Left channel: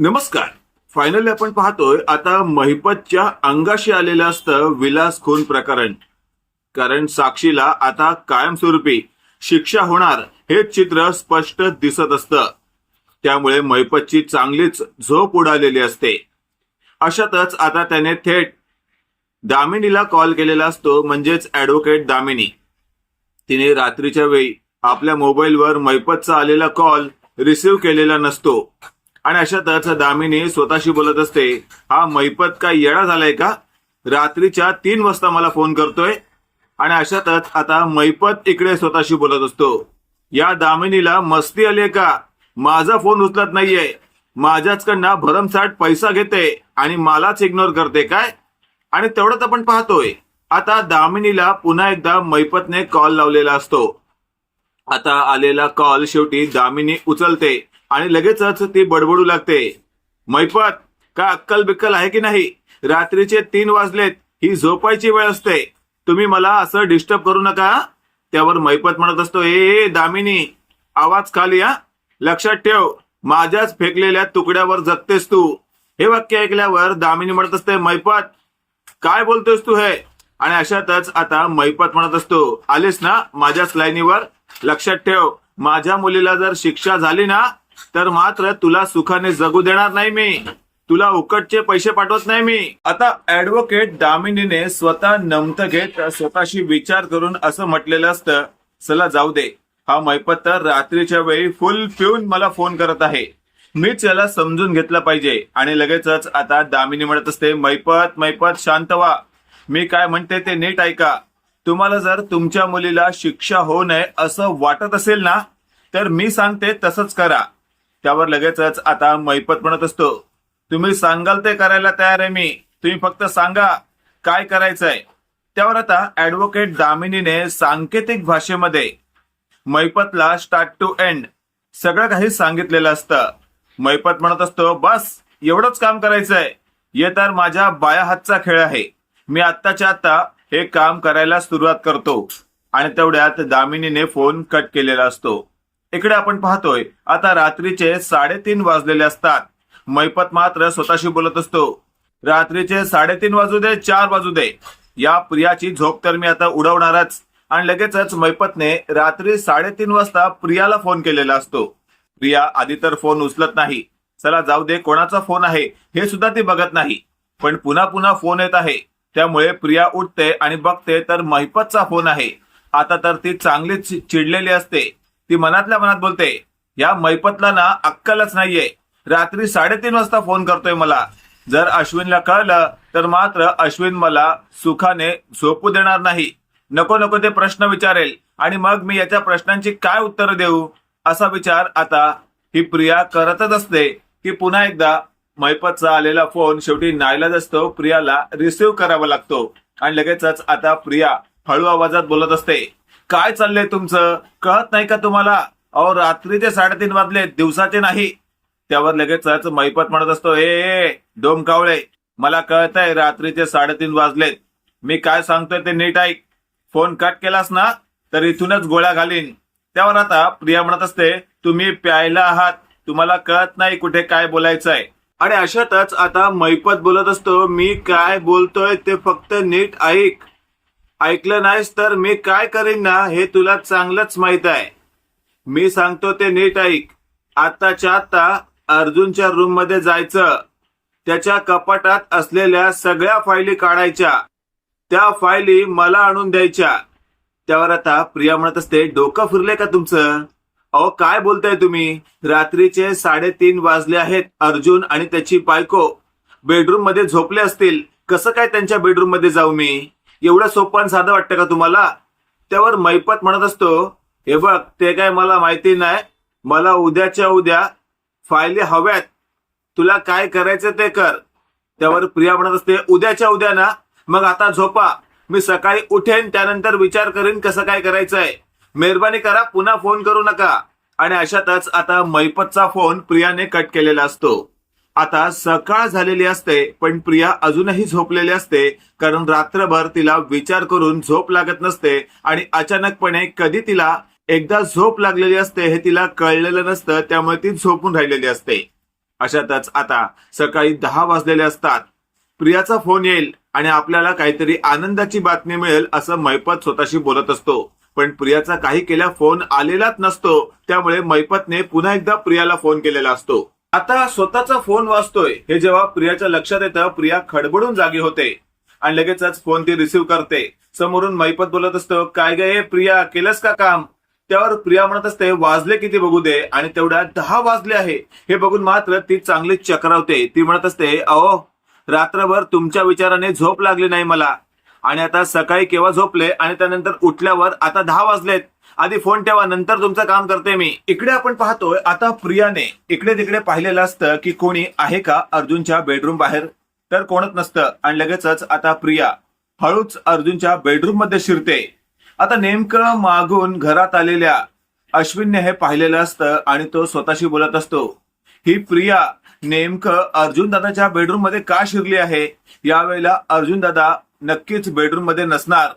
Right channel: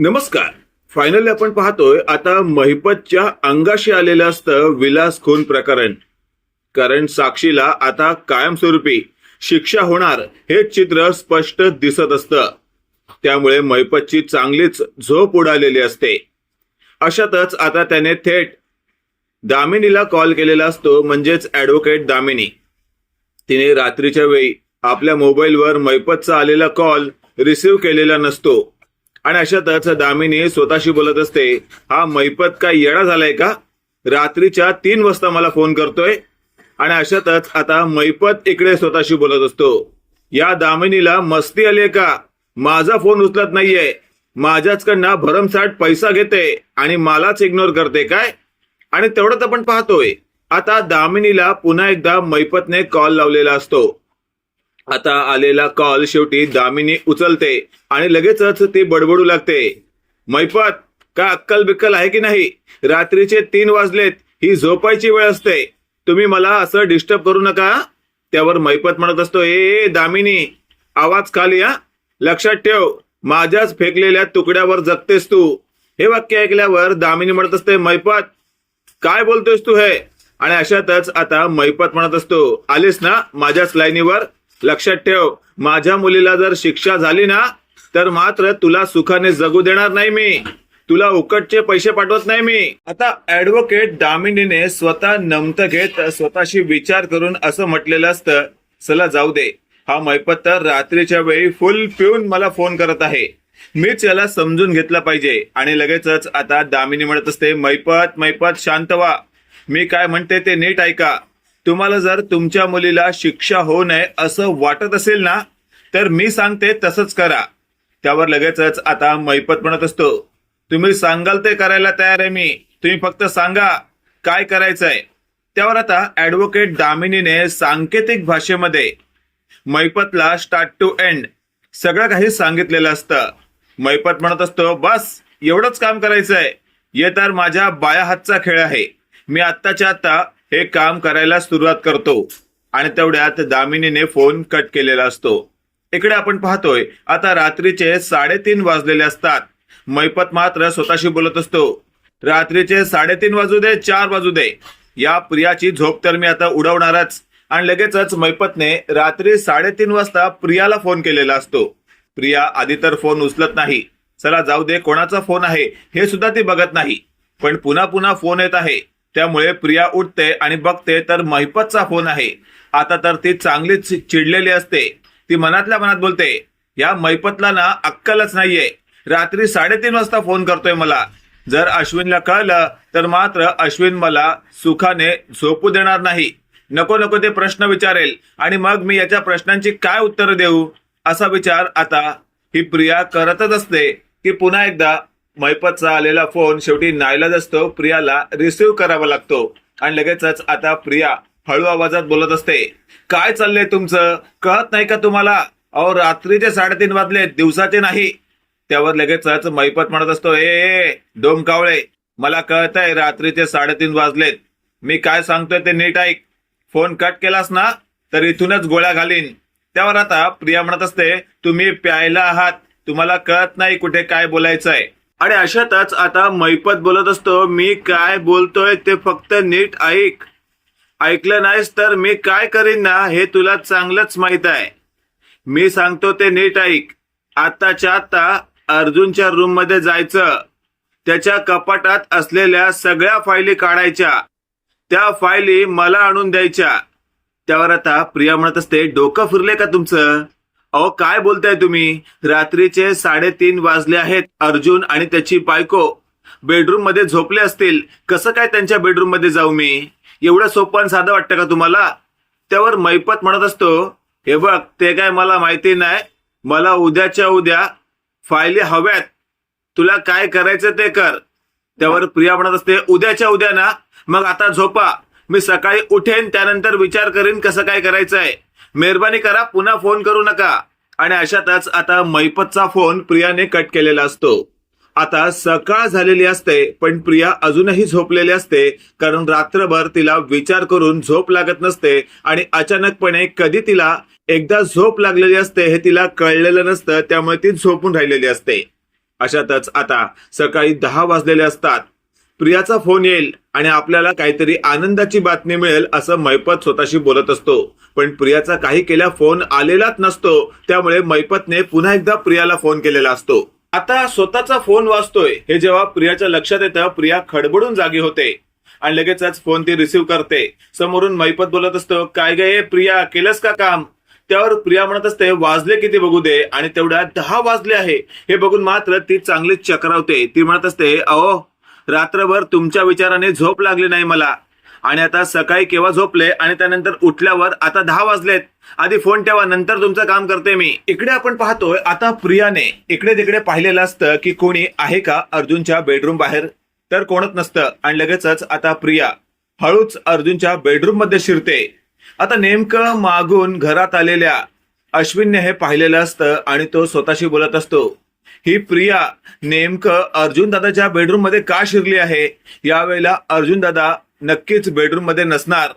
नमस्कार. फायनली आपण पाहतोय आता महिपतच्या अंगाशी आलेलं असतं विलास खून प्रकरण. कारण साक्षीला आता कायमस्वरूपी शिक्षा होणार हे चित्र स्पष्ट दिसत असतं. त्यामुळे महिपतची चांगलीच झोप उडालेली असते. अशातच आता त्याने थेट दामिनीला कॉल केलेला असतो म्हणजेच ऍडव्होकेट दामिनी. तिने रात्रीच्या वेळी आपल्या मोबाईलवर मैपतचा आलेला कॉल रिसीव्ह केलेला नसतो. आणि अशातच दामिनी स्वतःशी बोलत असते हा मैपत काय येडा झालाय का? रात्रीच्या तीन वाजता मला फोन करतोय. आणि अशातच आता मैपत इकडे स्वतःशी बोलत असतो या दामिनीला मस्ती आली का? माझा फोन उचलत नाहीये. माझ्याचकडनं भरमसाठ पैसा घेते आणि मलाच इग्नोर करते काय? आणि तेवढंच आपण पाहतोय आता दामिनीला पुन्हा एकदा मैपतने कॉल लावलेला असतो. आता आलेला कॉल शेवटी दामिनी उचलते आणि लगेचच ती बडबडू लागते. मैपत का अक्कल बिक्कल आहे की नाही? रात्रीचे तीन वाजलेत ही झोपायची वेळ असते. तुम्ही मला असं डिस्टर्ब करू नका. त्यावर मैपत म्हणत असतो ए दामिनी आवाज खाली या. लक्षात ठेव माझ्याच फेकलेल्या तुकड्यावर जगतेस तू. हे वाक्य ऐकल्यावर दामिनी म्हणत असते मैपत काय बोलतोयस तू हे? आणि अशातच आता मैपत म्हणत असतो आलेस ना माझ्याच लाईनीवर? लक्षात ठेव माझ्या मुलीला जर शिक्षा झाली ना तर मात्र तुला सुखाने जगू देणार नाही मी. तुला उकटचे पैसे पाठवत नाही मी. आता ऍडव्होकेट दामिनीने स्वतः नमत घेत स्वतःशी विचार करून असं म्हटलेलं असतं चला जाऊ दे. हा मैपत तर रात्रीच्या वेळी फुल पिऊन मला फोन करत आहे. मीच याला समजून घेतलं पाहिजे. आणि लगेचच आता दामिनी म्हणत असते मैपत मैपत शांत व्हा. मी काय म्हणते ते नीट ऐका. तुम्हाला जर तुमच्या मुलीला शिक्षा होऊ नये असं वाटत असेल ना तर मी सांगते तसंच करा. त्यावर लगेचच आता मैपत म्हणत असतो. तुम्ही सांगाल ते करायला तयार आहे मी. तुम्ही फक्त सांगा काय करायचंय. त्यावर आता ऍडव्होकेट दामिनीने सांकेतिक भाषेमध्ये मैपतला स्टार्ट टू एंड सगळं काही सांगितलेलं असतं. मैपत म्हणत असतो बस एवढंच काम करायचंय. हे तर माझ्या बाया हातचा खेळ आहे. मी आत्ताच्या आत्ता हे काम करायला सुरुवात करतो आणि तेवढ्यात दामिनीने फोन कट केलेला असतो. इकडे आपण पाहतोय आता रात्रीचे साडेतीन वाजलेले असतात. मैपत मात्र स्वतःशी बोलत असतो. रात्रीचे साडेतीन वाजू दे चार वाजू दे. या प्रियाची झोप तर मी आता उडवणारच. आणि लगेचच मैपतने रात्री साडेतीन वाजता प्रियाला फोन केलेला असतो. प्रिया आधी तर फोन उचलत नाही. चला जाऊ दे कोणाचा फोन आहे हे सुद्धा ती बघत नाही. पण पुन्हा पुन्हा फोन येत आहे. त्यामुळे प्रिया उठते आणि बघते तर महिपतचा फोन आहे. आता तर ती चांगलीच चिडलेली असते. ती मनातल्या मनात बोलते या मैपतला ना अक्कलच नाहीये. रात्री साडेतीन वाजता फोन करतोय मला. जर अश्विनला कळलं तर मात्र अश्विन मला सुखाने झोपू देणार नाही. नको नको ते प्रश्न विचारेल. आणि मग मी याच्या प्रश्नांची काय उत्तरं देऊ? असा विचार आता ही प्रिया करतच असते की पुन्हा एकदा मैपतचा आलेला फोन शेवटी नाईलाज असतो. प्रियाला रिसिव्ह करावा लागतो. आणि लगेचच आता प्रिया हळू आवाजात बोलत असते. काय चाललंय तुमचं? कळत नाही का तुम्हाला? अहो रात्रीचे साडेतीन वाजले दिवसाचे नाही. त्यावर लगेचच मैपत म्हणत असतो ए डोमकावळे मला कळतंय रात्रीचे साडेतीन वाजलेत. मी काय सांगतोय ते नीट ऐक. फोन कट केलास ना तर इथूनच गोळ्या घालीन. त्यावर आता प्रिया म्हणत असते तुम्ही प्यायला आहात. तुम्हाला कळत नाही कुठे काय बोलायचंय. आणि अशातच आता मैपत बोलत असतो मी काय बोलतोय ते फक्त नीट ऐक. ऐकलं नाहीस तर मी काय करीन ना हे तुला चांगलंच माहीत आहे. मी सांगतो ते नीट ऐक. आत्ताच्या आत्ता अर्जुनच्या रूममध्ये जायचं. त्याच्या कपाटात असलेल्या सगळ्या फायली काढायच्या. त्या फायली मला आणून द्यायच्या. त्यावर आता प्रिया म्हणत असते डोकं फिरले का तुमचं? अहो काय बोलताय तुम्ही? रात्रीचे साडेतीन वाजले आहेत अर्जुन आणि त्याची बायको. बेडरूममध्ये झोपले असतील. कसं काय त्यांच्या बेडरूममध्ये जाऊ मी? एवढं सोपं आणि साधं वाटतं का तुम्हाला? त्यावर मैपत म्हणत असतो हे बघ ते काय मला माहिती नाही. मला उद्याच्या उद्या फायली हव्यात. तुला काय करायचं ते कर. त्यावर प्रिया म्हणत असते उद्याच्या उद्या ना. मग आता झोपा. मी सकाळी उठेन त्यानंतर विचार करीन कसं काय करायचंय. मेहरबानी करा पुन्हा फोन करू नका. आणि अशातच आता मैपतचा फोन प्रियाने कट केलेला असतो. आता सकाळ झालेली असते पण प्रिया अजूनही झोपलेली असते कारण रात्रभर तिला विचार करून झोप लागत नसते आणि अचानकपणे कधी तिला एकदा झोप लागलेली असते हे तिला कळलेलं नसतं त्यामुळे ती झोपून राहिलेली असते. अशातच आता सकाळी दहा वाजलेले असतात. प्रियाचा फोन येईल आणि आपल्याला काहीतरी आनंदाची बातमी मिळेल असं मैपत स्वतःशी बोलत असतो. पण प्रियाचा काही केल्या फोन आलेलाच नसतो त्यामुळे मैपतने पुन्हा एकदा प्रियाला फोन केलेला असतो. आता स्वतःचा फोन वाजतोय. हे जेव्हा प्रियाच्या लक्षात येतं प्रिया खडबडून जागी होते आणि लगेचच फोन ती रिसीव्ह करते. समोरून मैपत बोलत असतो काय गे प्रिया केलंस का काम? त्यावर प्रिया म्हणत असते वाजले किती बघू दे. आणि तेवढ्या दहा वाजले आहे. हे बघून मात्र ती चांगली चक्रावते. ती म्हणत असते अहो रात्रभर तुमच्या विचाराने झोप लागली नाही मला. आणि आता सकाळी केव्हा झोपले आणि त्यानंतर उठल्यावर आता दहा वाजलेत. आधी फोन ठेवा नंतर तुमचं काम करते मी. इकडे आपण पाहतोय आता प्रियाने इकडे तिकडे पाहिलेलं असतं की कोणी आहे का अर्जुनच्या बेडरूम बाहेर? तर कोणच नसतं. आणि लगेचच आता प्रिया हळूच अर्जुनच्या बेडरूममध्ये शिरते. आता नेमकं मागून घरात आलेल्या अश्विनने हे पाहिलेलं असतं आणि तो स्वतःशी बोलत असतो. ही प्रिया नेमकं अर्जुन दादाच्या बेडरूममध्ये का शिरली आहे? यावेळेला अर्जुन दादा नक्कीच बेडरूममध्ये नसणार.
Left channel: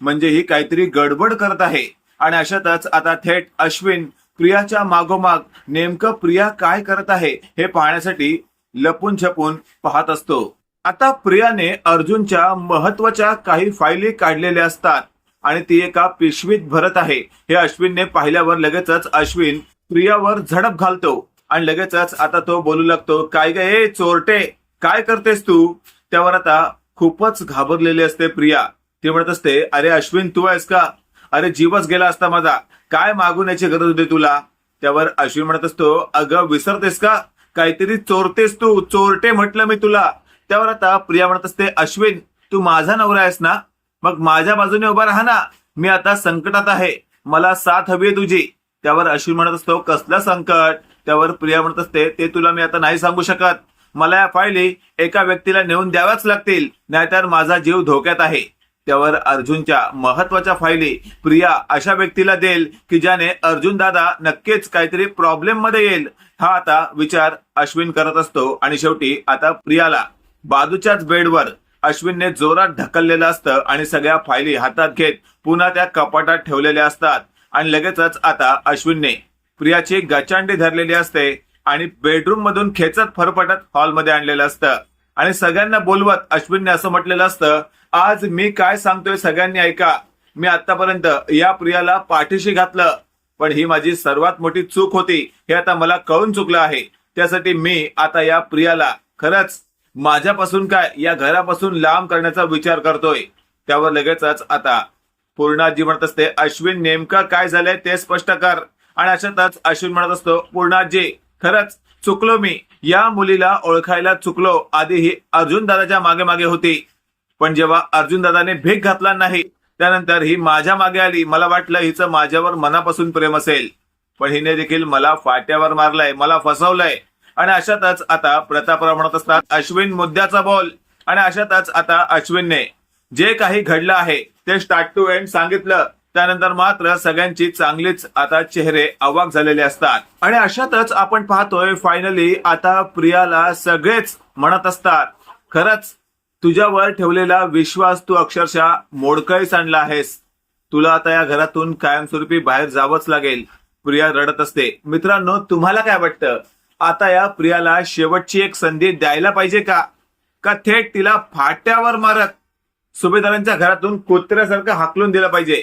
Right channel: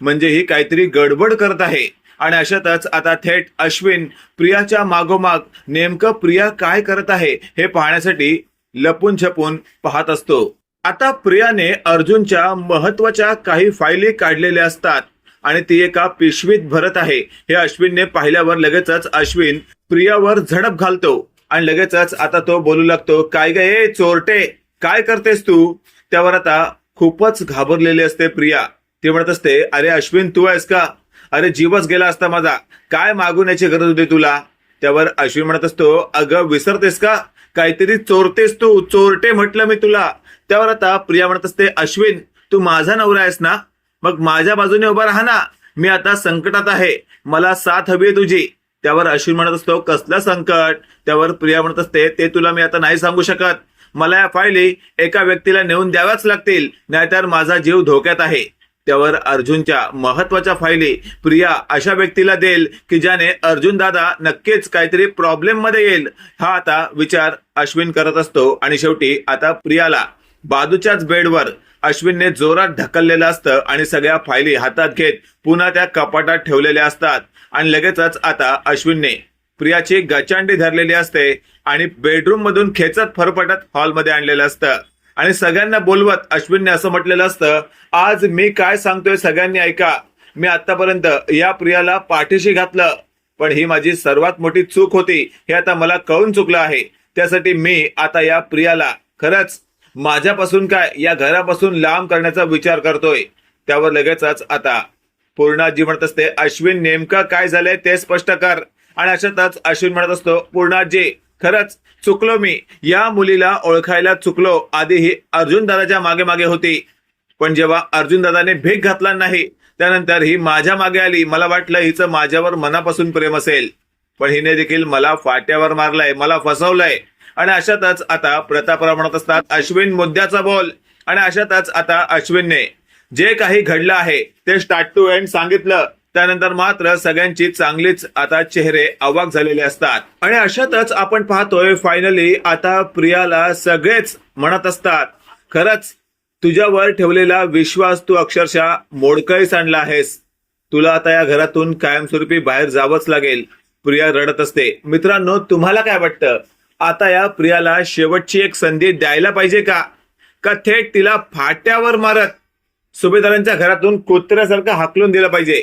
म्हणजे ही काहीतरी गडबड करत आहे. आणि अशातच आता थेट अश्विन प्रियाच्या मागोमाग नेमकं प्रिया काय करत आहे हे पाहण्यासाठी लपून छपून पाहत असतो. आता प्रियाने अर्जुनच्या महत्त्वाच्या काही फायली काढलेल्या असतात. आणि ती एका पिशवीत भरत आहे. हे अश्विनने पाहिल्यावर लगेचच अश्विन प्रियावर झडप घालतो. आणि लगेचच आता तो बोलू लागतो काय गे चोरटे काय करतेस तू? त्यावर आता खूपच घाबरलेली असते प्रिया. ती म्हणत असते अरे अश्विन तू आहेस का? अरे जीवच गेला असता माझा. काय मागून याची गरज होती तुला? त्यावर अश्विन म्हणत असतो अगं विसरतेस का? काहीतरी चोरतेस तू चोरटे म्हटलं मी तुला. त्यावर आता प्रिया म्हणत असते अश्विन तू माझा नवरा आहेस ना? मग माझ्या बाजूने उभा राहा ना. मी आता संकटात आहे. मला साथ हवी आहे तुझी. त्यावर अश्विन म्हणत असतो कसलं संकट? त्यावर प्रिया म्हणत असते ते तुला मी आता नाही सांगू शकत. मला या फायली एका व्यक्तीला नेऊन द्याव्याच लागतील नाहीतर माझा जीव धोक्यात आहे. त्यावर अर्जुनच्या महत्त्वाच्या फायली प्रिया अशा व्यक्तीला देईल की ज्याने अर्जुन दादा नक्कीच काहीतरी प्रॉब्लेममध्ये येईल. हा आता विचार अश्विन करत असतो आणि शेवटी आता प्रियाला बाजूच्याच बेडवर अश्विनने जोरात ढकललेलं असतं आणि सगळ्या फायली हातात घेत पुन्हा त्या कपाटात ठेवलेल्या असतात. आणि लगेचच आता अश्विनने प्रियाची गचांडी धरलेली असते आणि बेडरूम मधून खेचत फरफटत हॉलमध्ये आणलेलं असतं. आणि सगळ्यांना बोलवत अश्विनने असं म्हटलेलं असतं आज मी काय सांगतोय सगळ्यांनी ऐका. मी आतापर्यंत या प्रियाला पाठीशी घातलं पण ही माझी सर्वात मोठी चूक होती. हे आता मला कळून चुकलं आहे. त्यासाठी मी आता या प्रियाला खरंच माझ्यापासून काय या घरापासून लांब करण्याचा विचार करतोय. त्यावर लगेचच आता पूर्णाजी म्हणत असते अश्विन नेमकं काय झालंय ते स्पष्ट कर. आणि अशातच अश्विन म्हणत असतो पूर्णाजी खरंच चुकलो मी. या मुलीला ओळखायला चुकलो. आधी ही अर्जुन दादाच्या मागे मागे होती. पण जेव्हा अर्जुन दादाने भीक घातला नाही त्यानंतर ही माझ्या मागे आली. मला वाटलं हिचं माझ्यावर मनापासून प्रेम असेल. पण हिने देखील मला फाट्यावर मारलंय मला फसवलंय. आणि अशातच आता प्रतापराव म्हणत असतात अश्विन मुद्द्याचा बोल. आणि अशातच आता अश्विनने जे काही घडलं आहे ते स्टार्ट टू एंड सांगितलं. त्यानंतर मात्र सगळ्यांची चांगलीच आता चेहरे अवाक झालेले असतात. आणि अशातच आपण पाहतोय फायनली आता प्रियाला सगळेच म्हणत असतात. खरंच तुझ्यावर ठेवलेला विश्वास तू अक्षरशः मोडकळीस आणला आहेस. तुला आता या घरातून कायमस्वरूपी बाहेर जावंच लागेल. प्रिया रडत असते. मित्रांनो तुम्हाला काय वाटतं? आता या प्रियाला शेवटची एक संधी द्यायला पाहिजे का? का थेट तिला फाट्यावर मारत सुभेदारांच्या घरातून कुत्र्यासारखं हाकलून दिलं पाहिजे?